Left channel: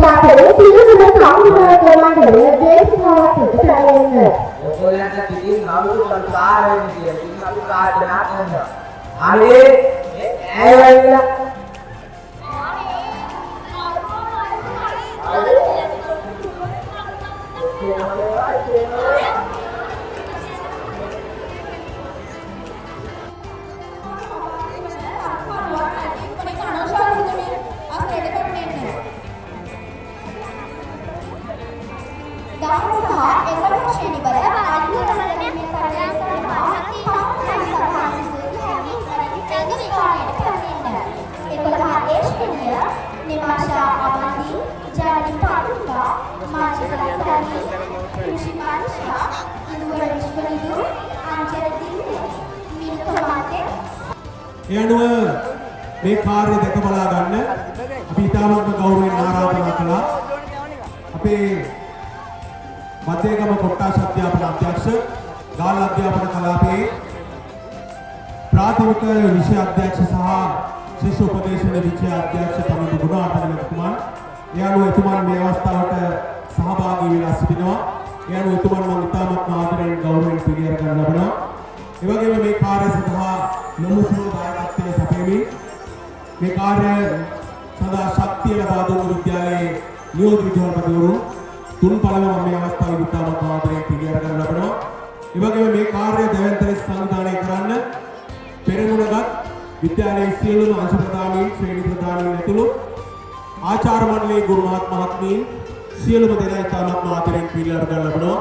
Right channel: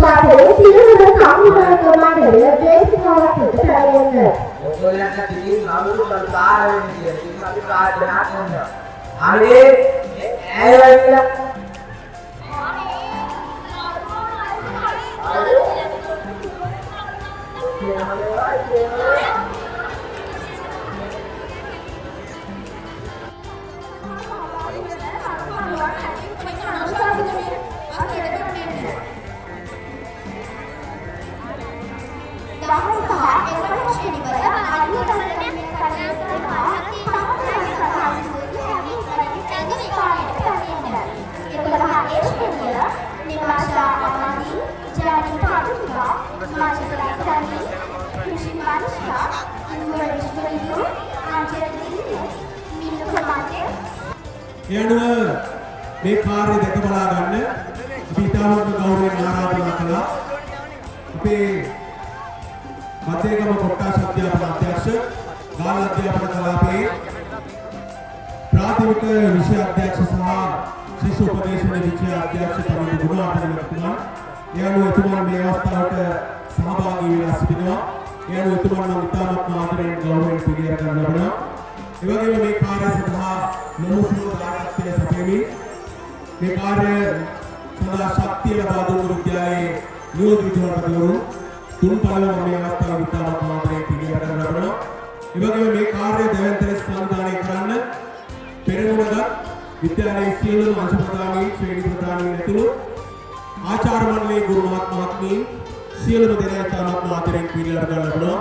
මාතලේ තියෙන කවුරුහරි මාතලේ දේශනාවක් හිතන්නේ. ඔයගොල්ලන්ට කිසිම නමුරු සංකාරයෙන් කියන අපි කාර්යනාක් කරනවා. අනේ ඇයවැල්ලා යනුව මේ කාර්ය දැක බලා ගන්න අපි ඉතාමත්ම ගෞරවයෙන් ආරාධනා කළා අපේ මධ්‍යගම කොට්ටාස අධ්‍යාපන අධ්‍යක්ෂ ගාල්ල අධ්‍යාපන කලාපයේ ප්‍රාථමික විෂය අධ්‍යක්ෂ සහ ශිෂ්‍ය උපදේශන විෂය අධ්‍යක්ෂ තමයි ගුණාර්ථන මහත්මයා. යනුව එතුමන් මේ අවස්ථාවට සහභාගී වෙලා සිටිනවා. යනුව එතුමන් මම ඉතාමත්ම ආදරයෙන් ගෞරවයෙන් පිළිගන්න ලබනවා. ඒ වගේම මේ කාර්ය සඳහා නොමුසුළු දායකත්වයේ සැපයමින් මේ කාර්ය සඳහා ශක්තිය ලබා දුන් විද්‍යාලයේ නියෝජිත විද්‍යාර්ථීවරු තුන් පළව මේ අවස්ථාවේ ඉතාමත් ආදරයෙන් පිළිගන්න ලබනවා. ඒ වගේම මේ කාර්ය දැවැන්ත ලෙස සංවිධානය කරන්න පෙරමුණගත් විද්‍යාලයේ සියලුම අංශ ප්‍රධානීන් ශ්‍රේණි ප්‍රධානීන් ඇතුළු ආචාර්ය මණ්ඩලයේ ගුරු මහත්මීන් සියලුම දෙනා ඉතාමත් ආදරයෙන් පිළිගන්න ලබනවා.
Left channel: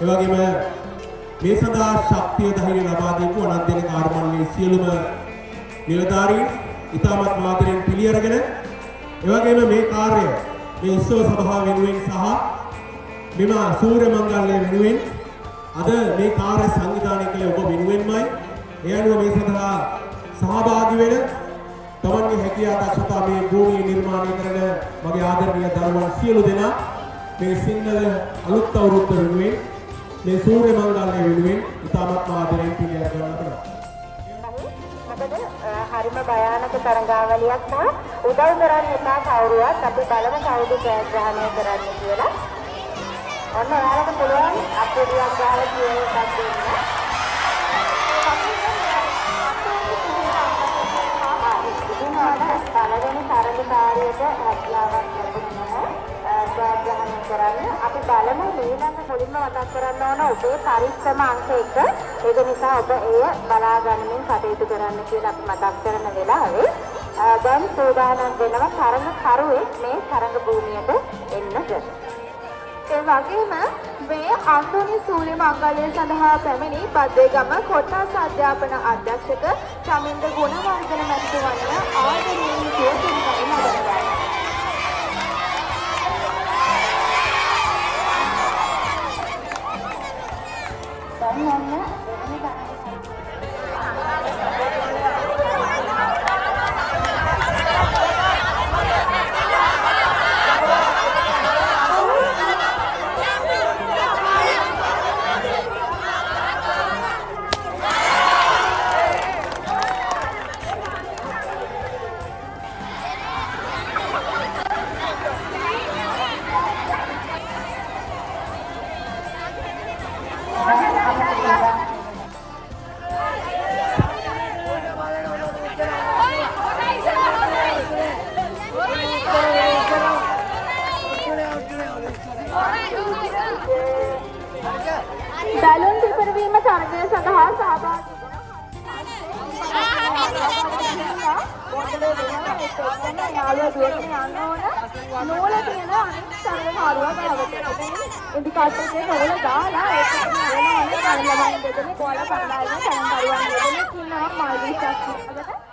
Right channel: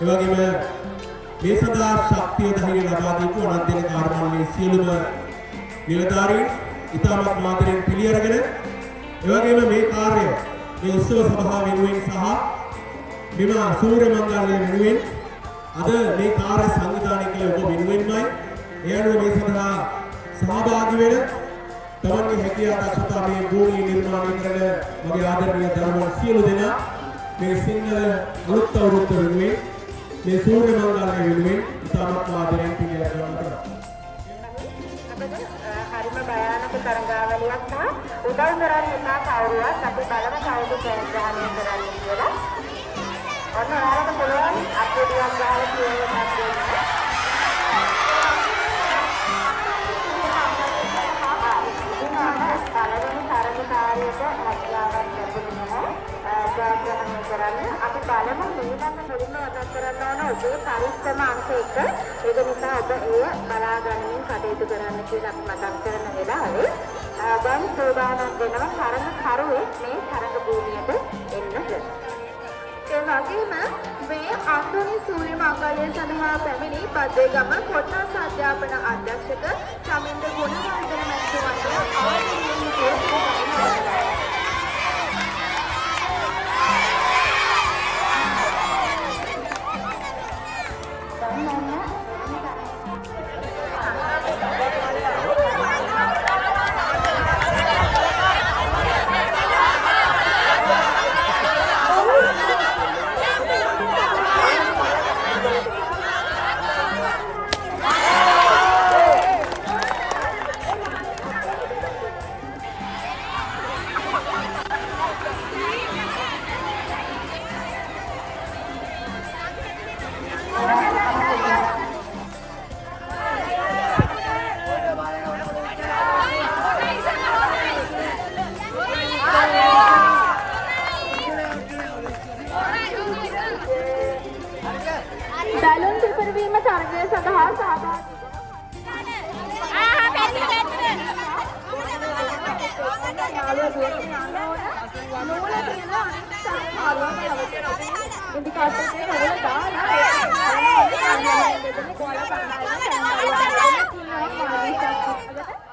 ඒ වගේම මේ සඳහා ශක්තිය ධෛර්ය ලබා දීපු අනන්තන කාර්යාලයේ සියලුම නිලධාරීන් ඉතාමත් ආදරයෙන් පිළිඅරගෙන ඒ වගේම මේ කාර්යය මේ උත්සව සභාව වෙනුවෙන් සහ මෙම සූර්ය මංගල්‍ය වෙනුවෙන් අද මේ කාර්ය සංවිධානය කළ ඔබ වෙනුවෙන්මයි ඒ අනුව මේ සඳහා සහභාගී වෙන තමන්ගේ හැකියාව දක්ෂතා මේ භූමිය නිර්මාණය කරන මගේ ආදරණීය දරුවන් සියලු දෙනා මේ සිංහල අලුත් අවුරුද්ද වෙනුවෙන් මේ සූර්ය මංගල්‍ය වෙනුවෙන් ඉතාමත් ආදරයෙන් පිළිගන්නවා. හරිම භයානක තරඟාවලියක් සහ උදව් කරන්න එපා කවුරුවත් අපි බලමු කවුද ප්‍රයත්නය කරන්නේ කියලා. අන්න ඔයාලට පුළුවන් අපේ දියන් ගාලා කියනවා. මුලින්ම මතක් කරන්න ඕන ඔබේ පරිස්සම අංක 1. ඒක නිසා ඔබ එය බලා ගන්නමින් කටයුතු කරන්න කියලා අපි මතක් කරන වෙලාවේ දැන් සෝදානම් වෙනවා තරඟ කරුවෙක් මේ තරඟ භූමියට එන්නද. ඒ වගේම මේ අන්තෝනි සූර්ය මංගල්‍ය සඳහා පැමිණි බද්දේගම කොට්ටාස අධ්‍යාපන අධ්‍යක්ෂක චමින්ද ගුණවර්ධන මැතිතුමන්ට ආදරණීය පිළිතුරු බැලුන් පිපිරවීම තරගය සඳහා සහභාගී නූල තියෙන අනිත් තරගකාරුවා ඉන්දිකාටරේ නූල දාලා ඒක දෙන්නේ ගෝල පරදාගෙන තරගකාරුවා දෙන්නේ කියනවා මාළි ශක්තියකට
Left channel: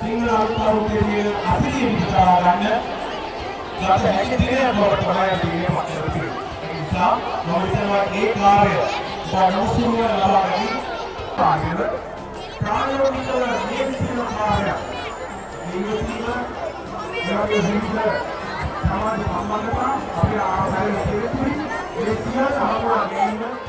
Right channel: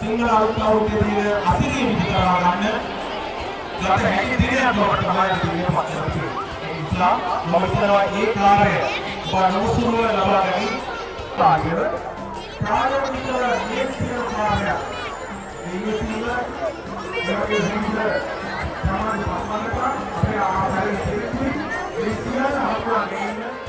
සිංහල අවුරුද්දේ අසිරිය විතරා ගන්න ගත හැකි දිනයක් බවට තමයි අපි මේ පත් කරන්නේ. ඒ නිසා මම හිතනවා ඒ කාර්යය බණුසුරුව ලබා ගැනීම ආන්දර ප්‍රායෝගික නියමිත කාර්යයක්. ඒ විදිහට ඒ විදිහට සමාජ සම්බන්ධතා අපේ ආකාරයේ ඉතිරි ඒ සියල්ල හමුවා ගැනීම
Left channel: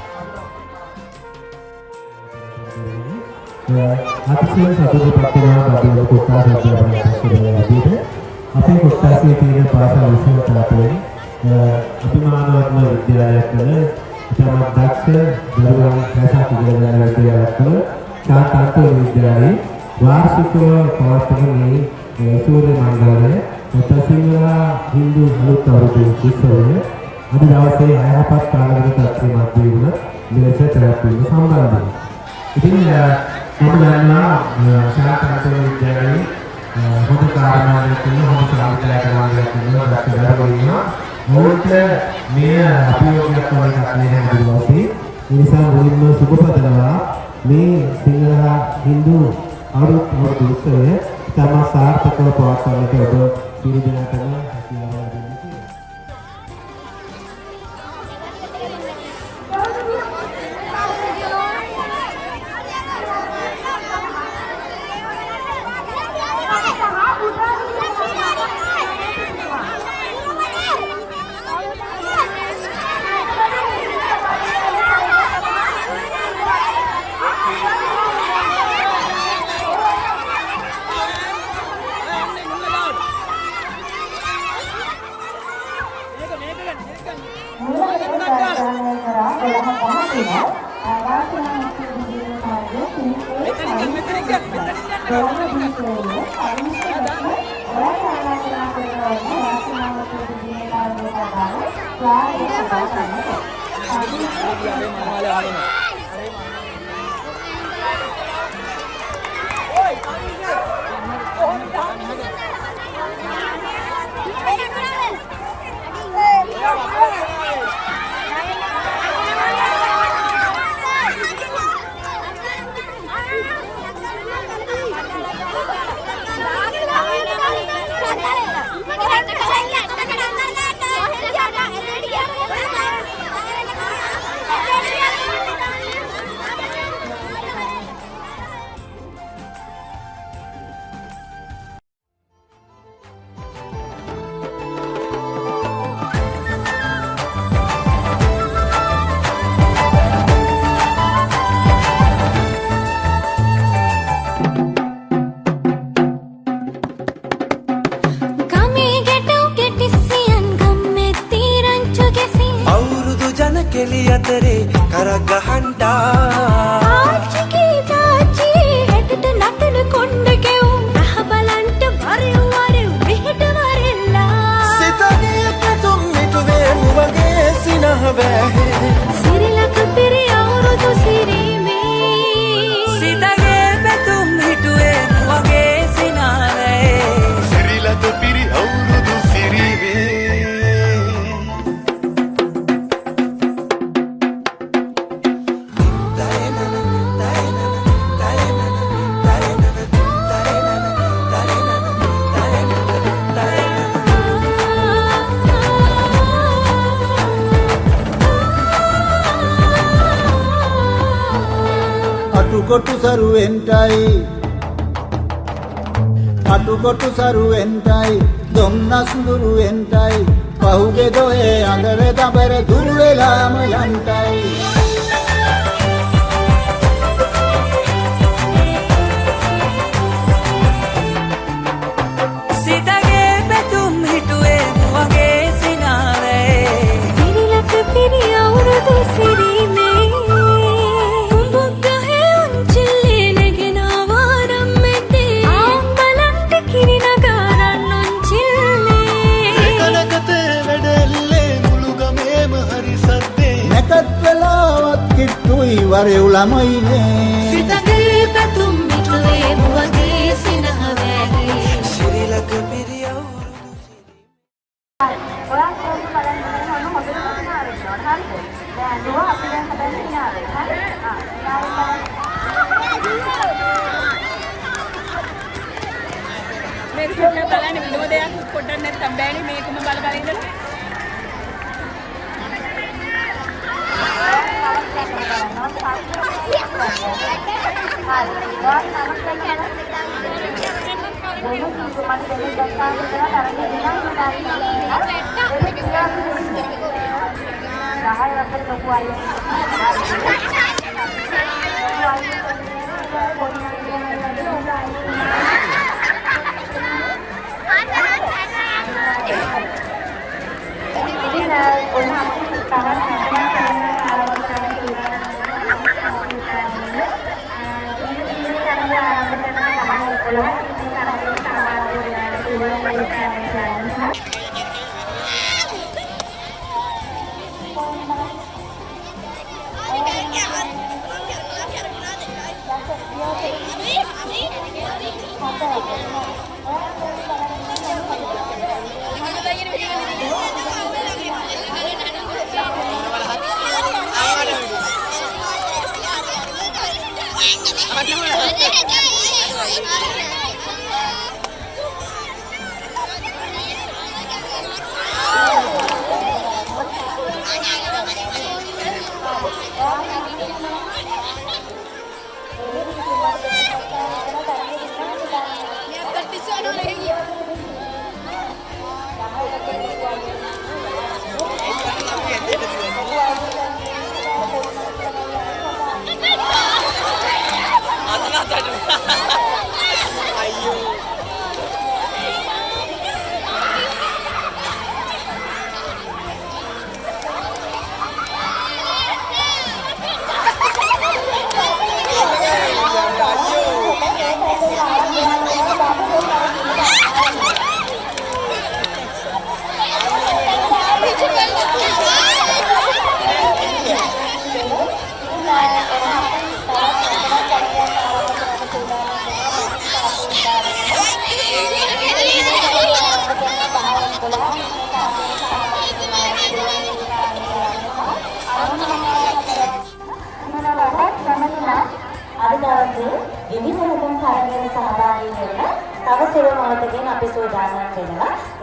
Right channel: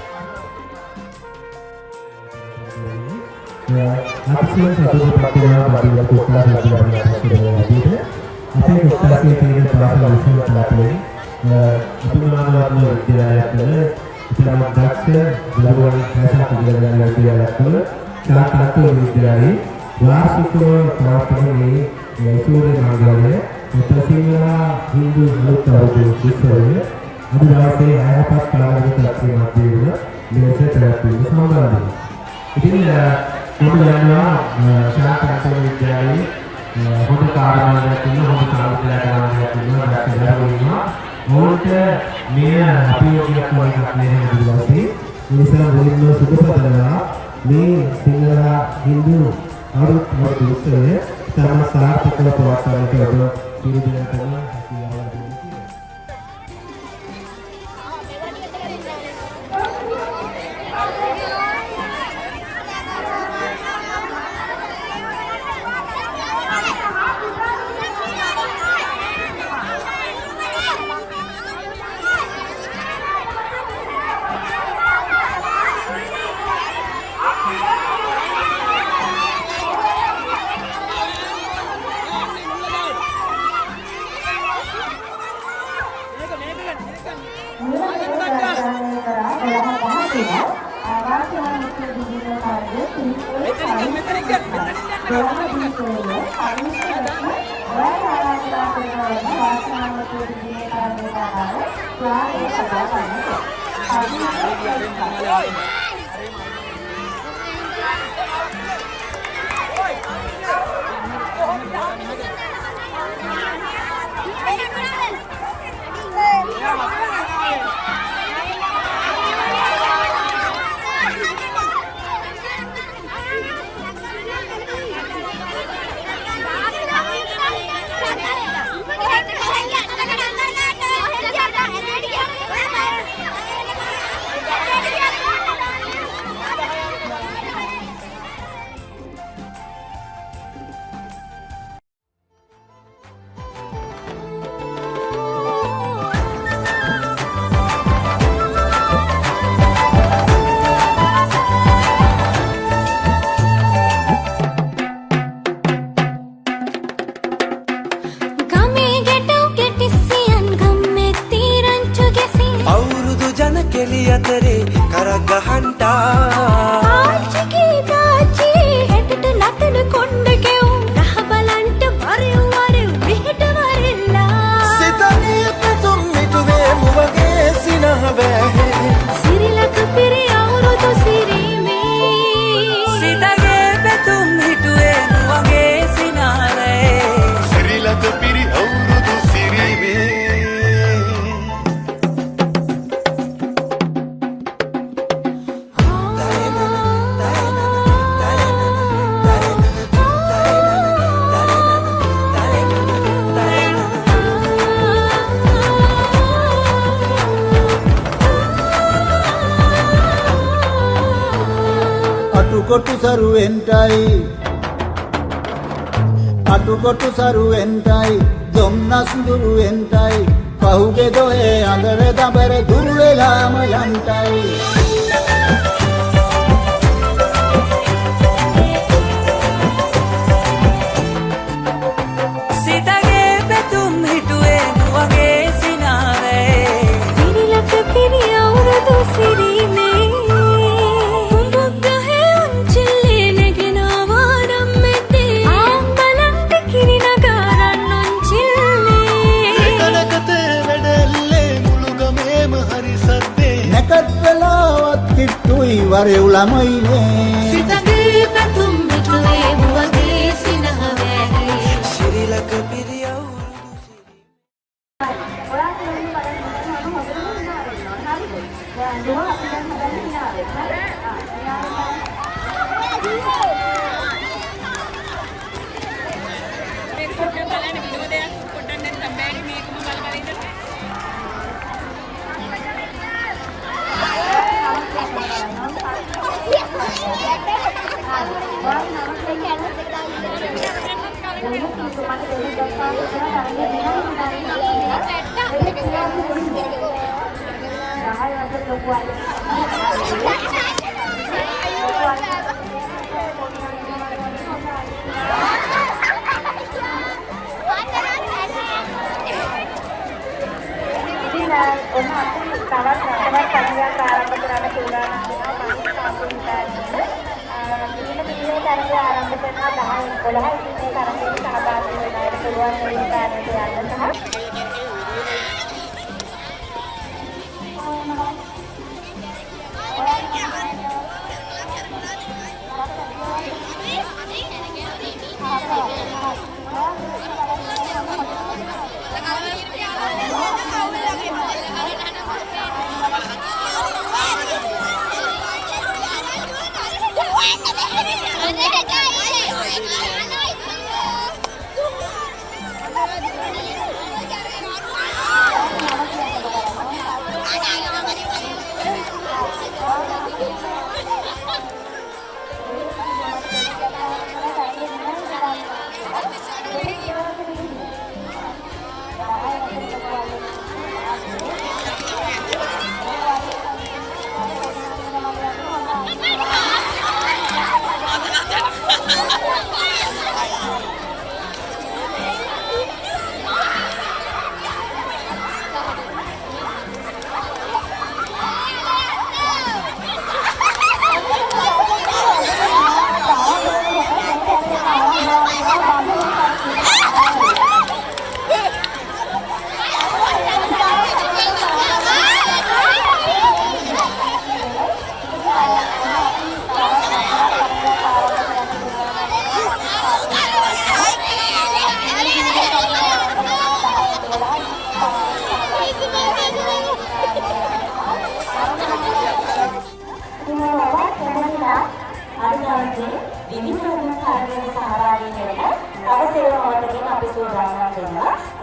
අතිශය සතුටුපත් වෙනවා බඩුව කොටා රජුගේ අපේ කොටාසේ තියෙන පාසල් විශ්වවිද්‍යාලයේ අභිමානවත්ම විද්‍යාලයක් වල ඉතාම දක්ෂ දරුවන් රැසක් ඉගෙන ගන්න විද්‍යාලයක් වල සාර්ථක විද්‍යාලයේ වාර්ෂිකව පවත්වන මේ සූර්ය මංගලය සිංහල හින්දු අලුත් අවුරුදු උත්සවය අද දවසේ අයහපත් කාලයක තත්ත්වයක් මැදින් මෙලෙස පැවැත්වීම සම්බන්ධයි. ඉතින් මම දන්නවා ශාන්තනාතුල විද්‍යාලයේ හොඳ කාර්යාලයක් තියෙනවා, හොඳ සාහිත්‍යකාරයෙක් තියෙනවා, දක්ෂ දරුවෝ ඔවුන්ට මේ අභියෝගයක් වගේ දවසේ ඒ නිසා මුලින්ම සුබ පතනවා මේ සිංහල හින්දු අවුරුදු උත්සවය තම සාර්ථකව පවත්වන්නට ඔබ සියලු දෙනාටම හැකියාව ලැබෙනවා. අතරේ කරක් ගහන්ටා ආච්චිගේ තාච්චියේ හැටට නටන කොණ්ඩ කෙවුම් රහ බලන්ට වරෙව් වරෙව් මෙහෙට වරෙල්ලා සිතගේ පැතුම් මිටුවේ මුවගේ සිනහ වැහේ සිරිලක පිරි අවුරුදු සිරීමේ සිතගේ පැතුම් හිටුවේ මුවගේ සිනාවේ සිරිලක පිරි අවුරුදු සිරීමේ අටුකොටු සරුවෙන්ටයි දොම්නස් දුරුවෙන්ටයි පහුගේ දොහේ අඳර දබර දුරු වෙලාම යන්ටයි සිතගේ පැතුම් හිටුවේ මුවගේ සිනාවේ සිරිලක පිරි අවුරුදු සිරීමේ කුඹුක් ගහේ උන්චිල්ලේ නැගෙන ආවාරම් මෙතේ ආම්බලන්ට කිරි නගාරන් උන්චිල්ලේ එකනකතේ වැඩෙල්ලේ මුළු ගමේම හරි සද්දේ නැකත් වෙලාවත් කිට්ටුයි වරෙව් ළමයිනේ සිතගේ පැතුම් මිටුවේ මුවගේ සිනහ වැගේ සිරිලක පිරි අවුරුදු ඔයාලා කොහොමද බලන්න හොඳටම hina වෙන්න ඕන. හරිද? දැන් දුව අපි දැන් හදන්න hina වෙන්න. හරි? මේක පොඩ්ඩක් බලන්න විනෝදයක් පොඩ්ඩක් නැත්තම් බෑනේ මේකම බල බල ඉඳලා.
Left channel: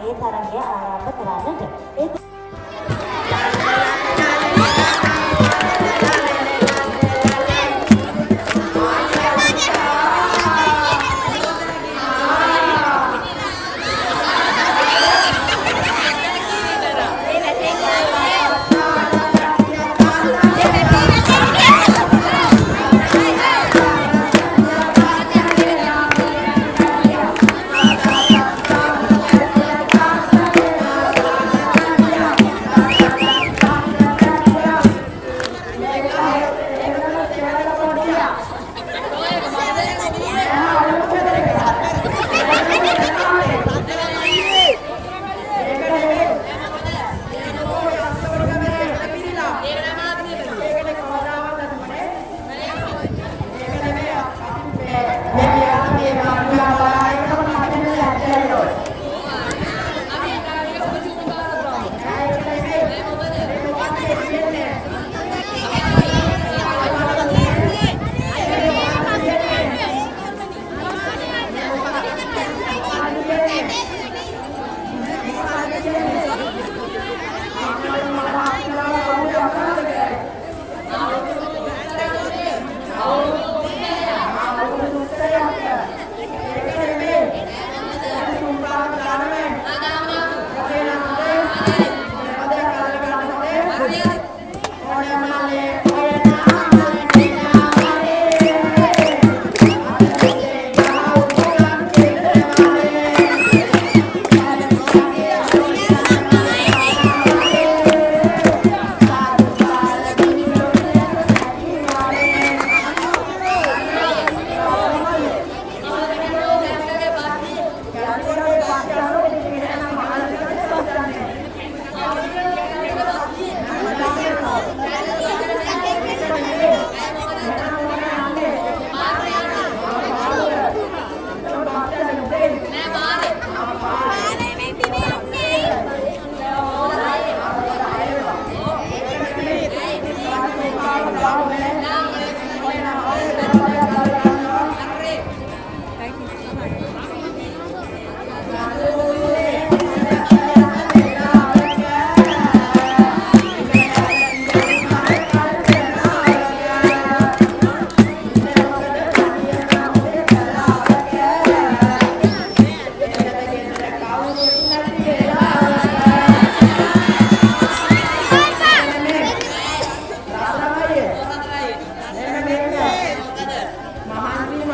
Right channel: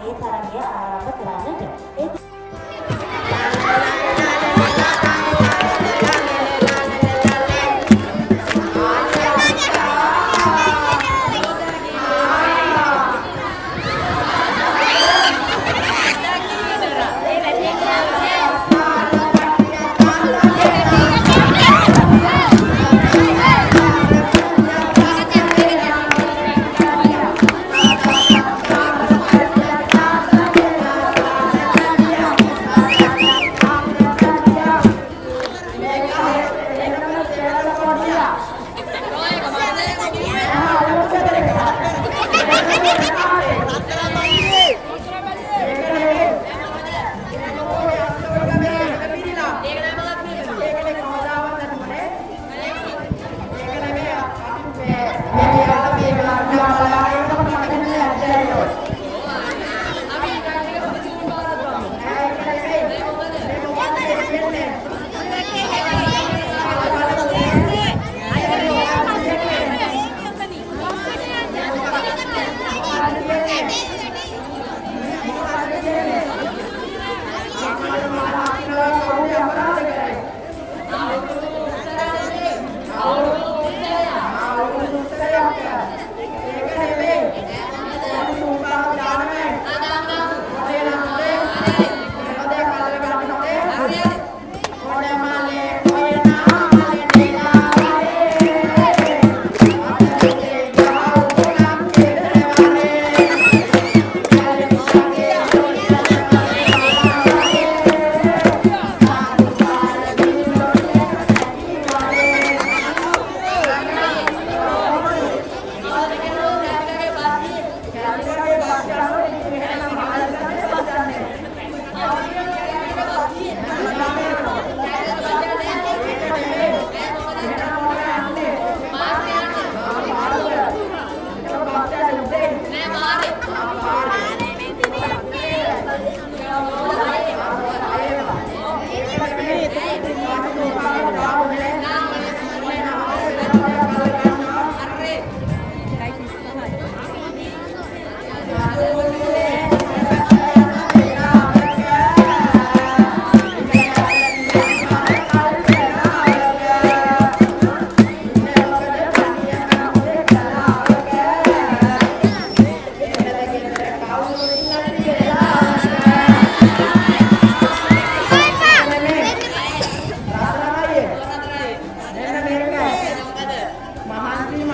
ඒ තරගය ආරම්භ කරන්නට.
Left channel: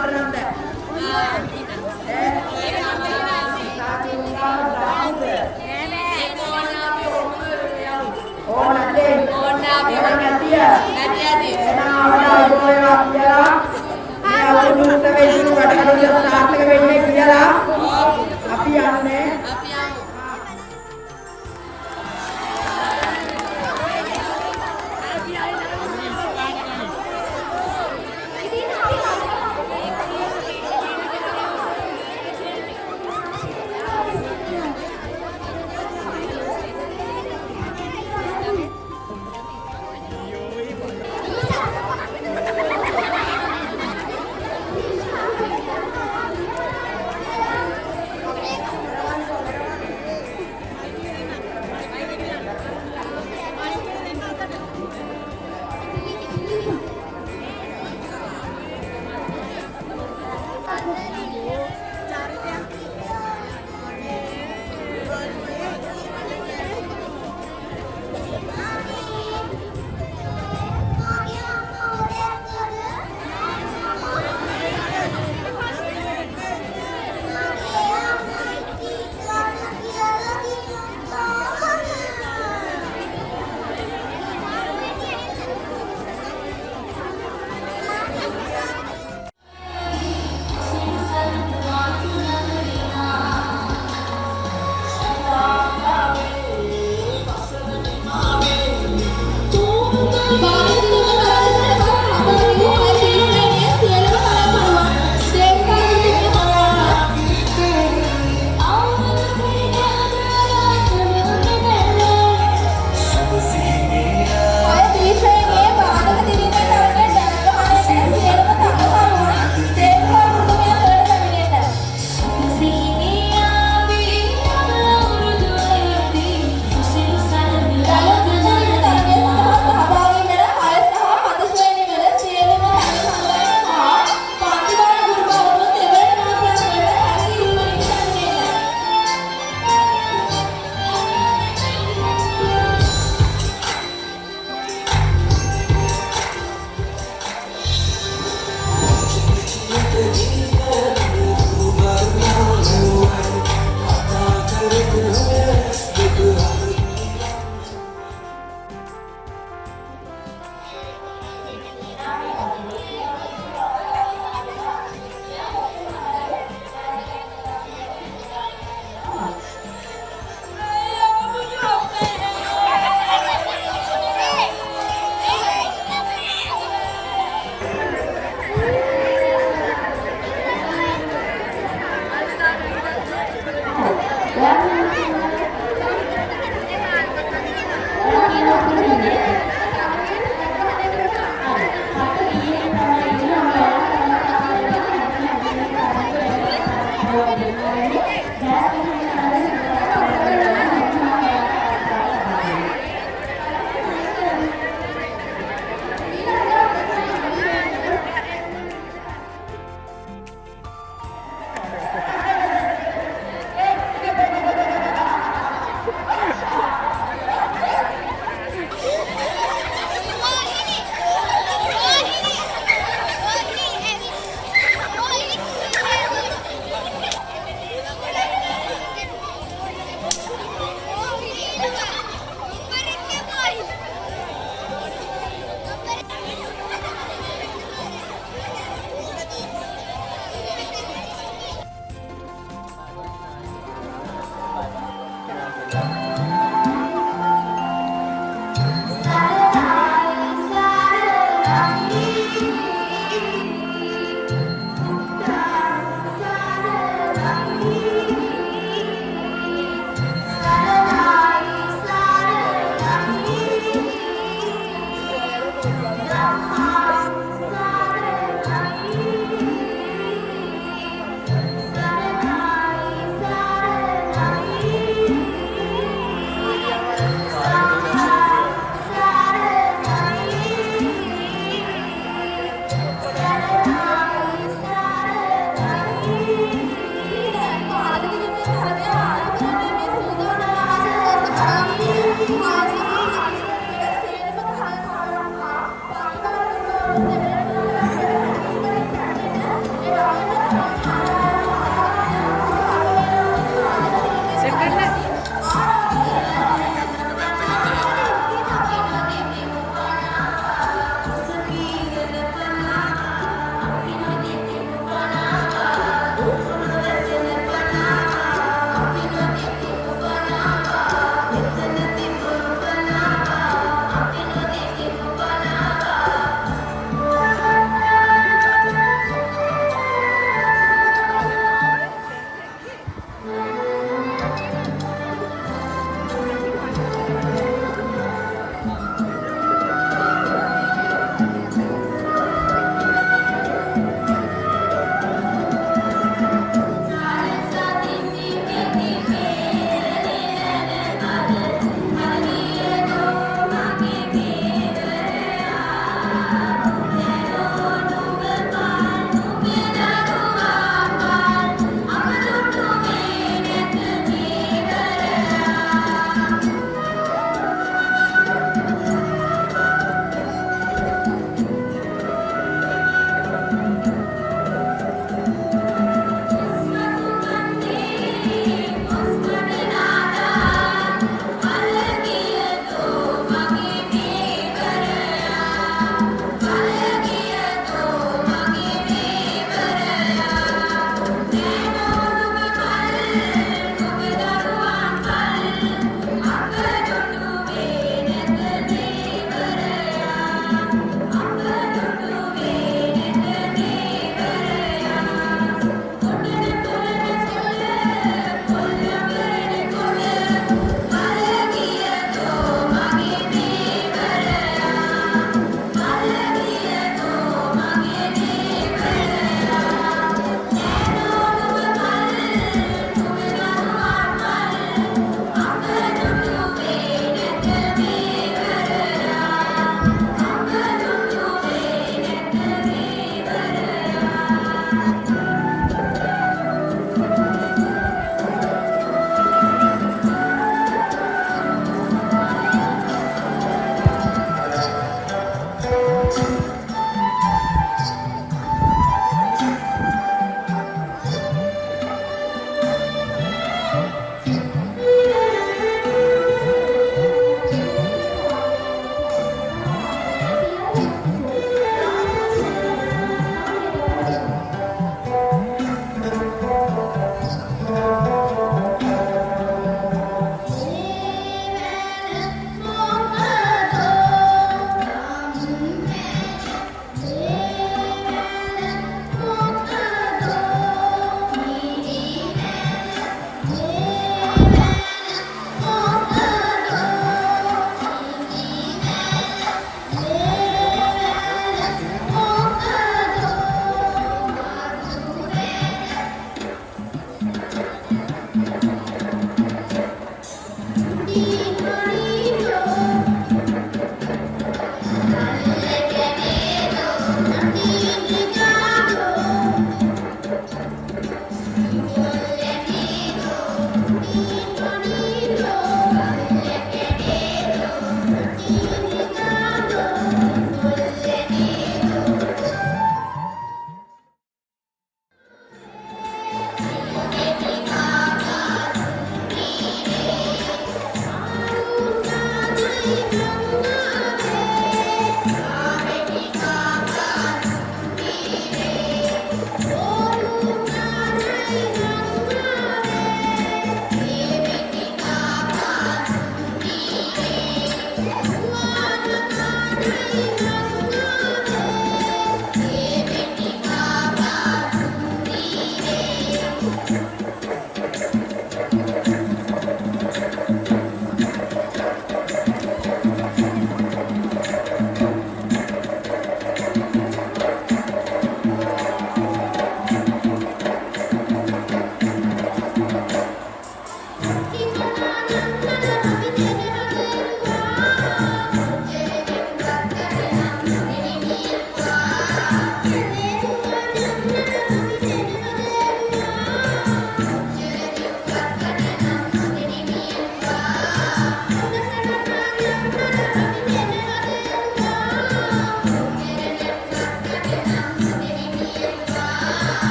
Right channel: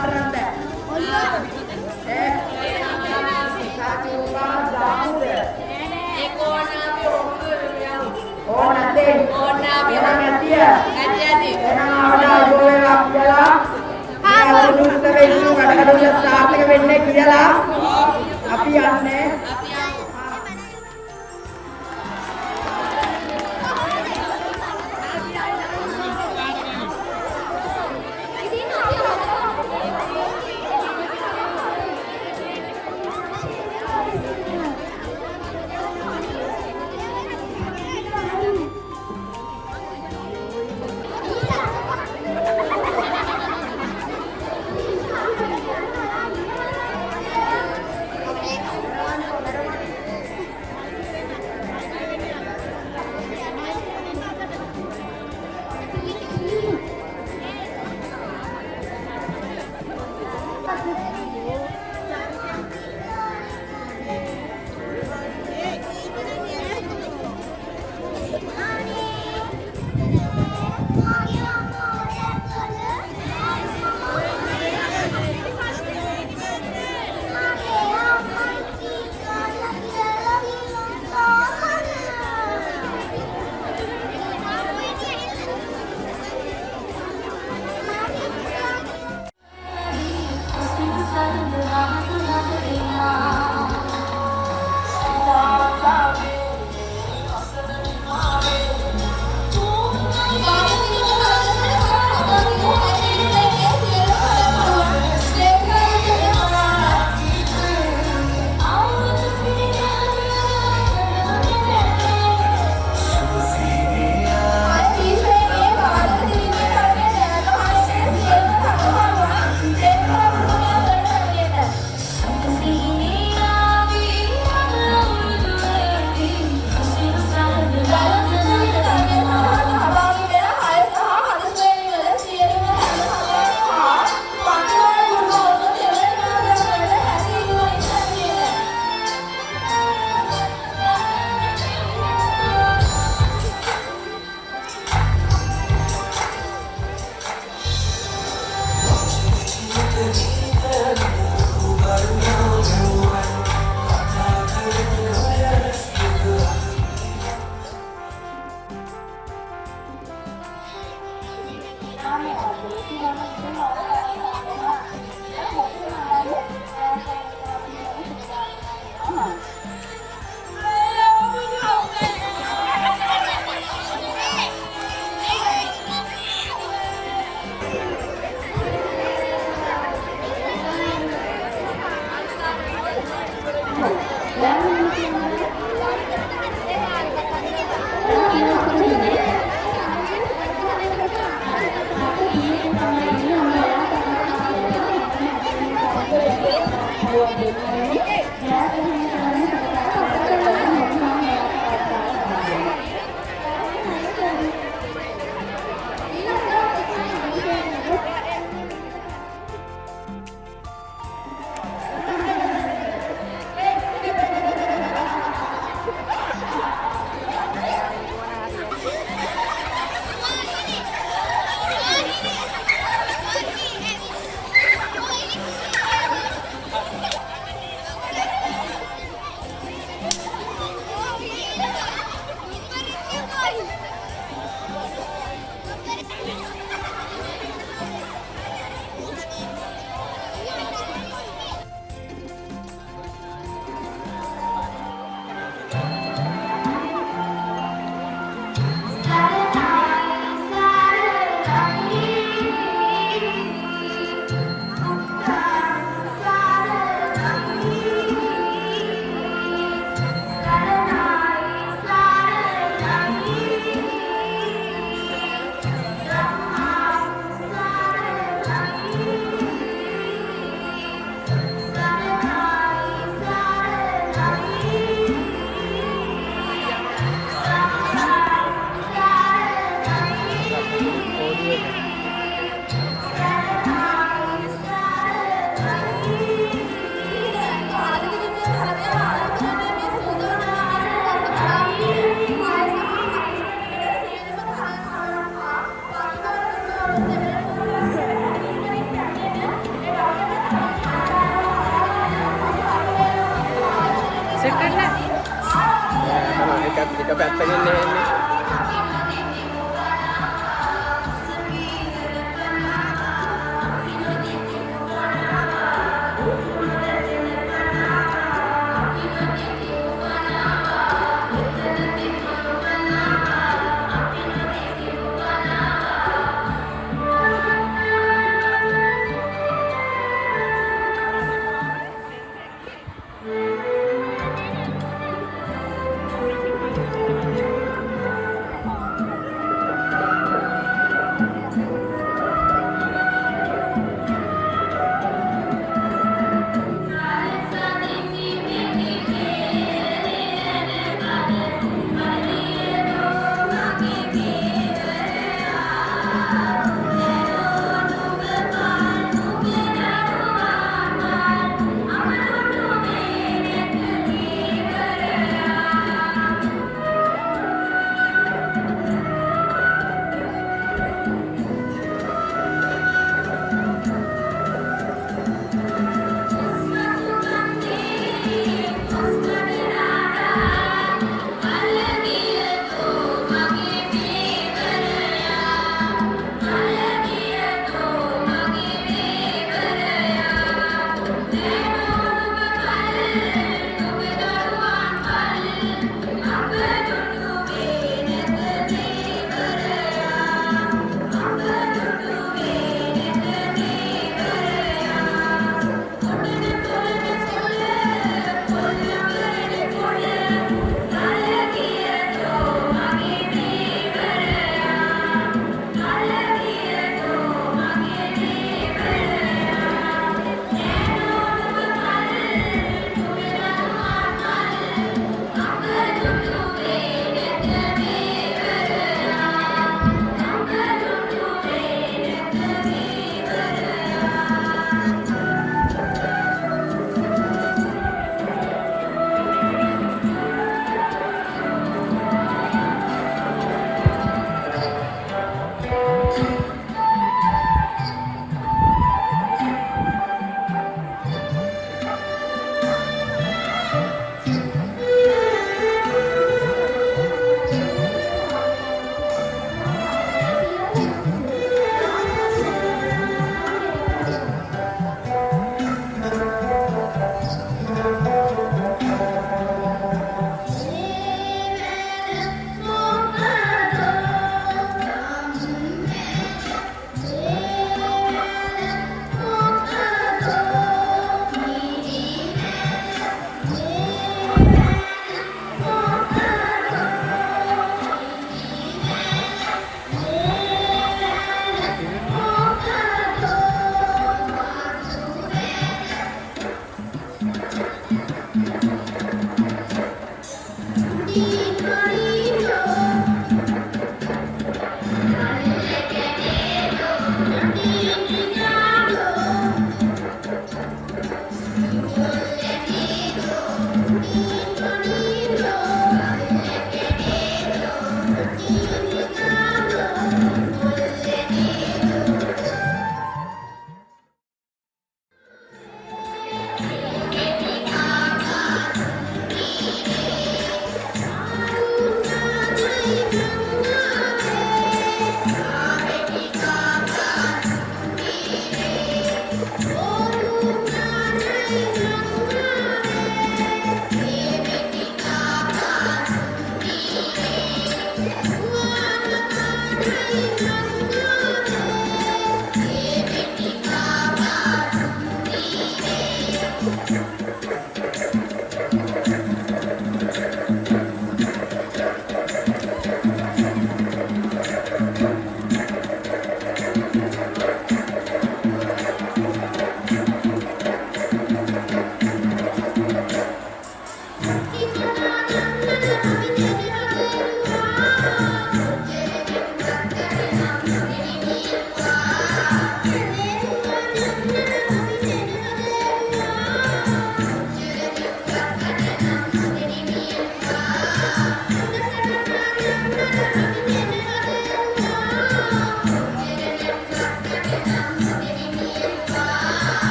මට නම් ඕන නැත්තේ ඕන අපි නැතිය ඇති එහෙනම් අවදායි බෝලේවා කියලා මේ අවුරුදු උත්සවයේ ඉතුරු වැඩ කටයුතු සාර්ථක වෙන්නේ කියලා අපි යන්නේ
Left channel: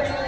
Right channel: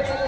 Thank you.